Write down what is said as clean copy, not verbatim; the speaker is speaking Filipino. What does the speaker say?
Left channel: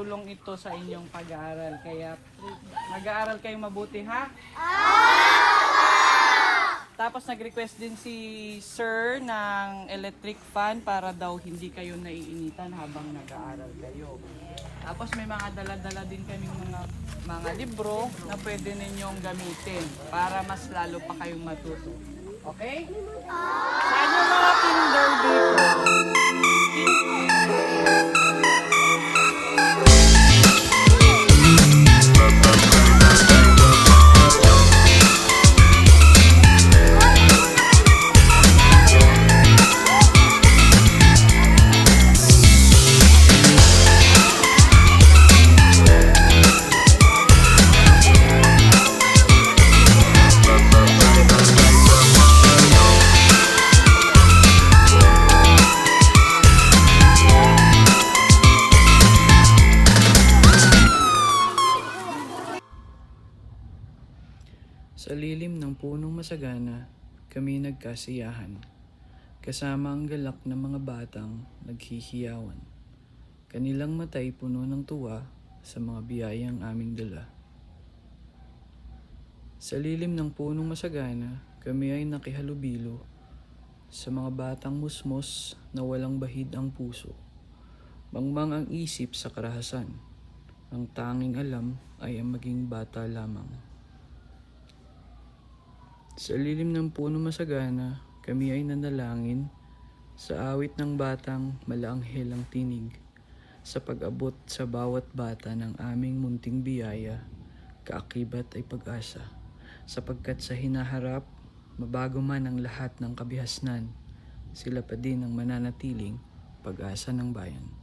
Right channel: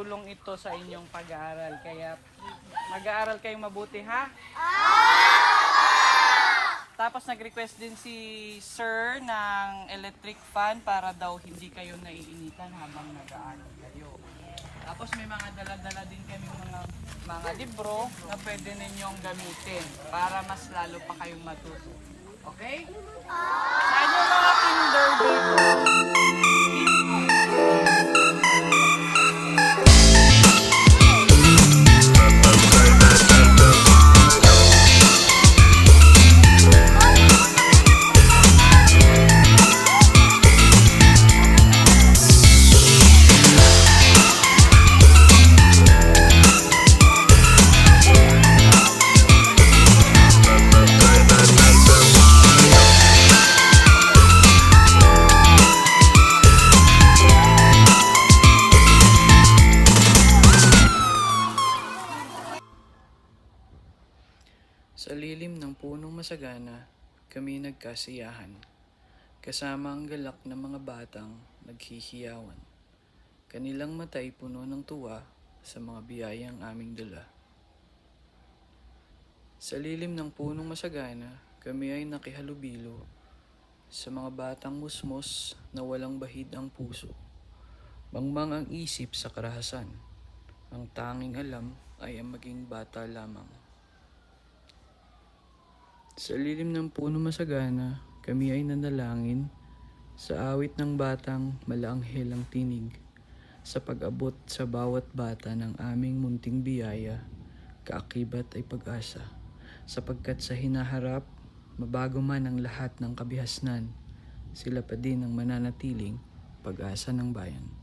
makakatulong ito sa inyong pag-aaral. Kaya mag-aaral kayong mabuti, ha? Tapos nag-request din si Sir ng electric fan para daw hindi kayo naiinitan habang nag-aaral kayo. Tapos may mga dala-dala din kami mga libro na pwede ninyong gamitin para mas lalo pa kayong matuto. Okay? Saan yung mga pinundang Sa lilim ng punong masagana, kami nagkasiyahan, kasama ang galak ng mga batang naghihiyawan. Kanilang mata'y puno ng tuwa sa mga biyayang aming dala. Sa lilim ng punong masagana, kami ay nakihalubilo sa mga batang musmos na walang bahid ang puso. Mangmang ang isip sa karahasan, ang tanging alam ay ang maging bata lamang. Sa lilim ng puno masagana, kami ay nanalangin sa awit ng batang malaanghel ang tinig, sa pag-abot sa bawat bata ng aming munting biyaya, kaakibat ay pag-asa, sapagkat sa hinaharap, mabago man ang lahat ng kabihasnan, sila pa din ang mananatiling pag-asa ng bayan.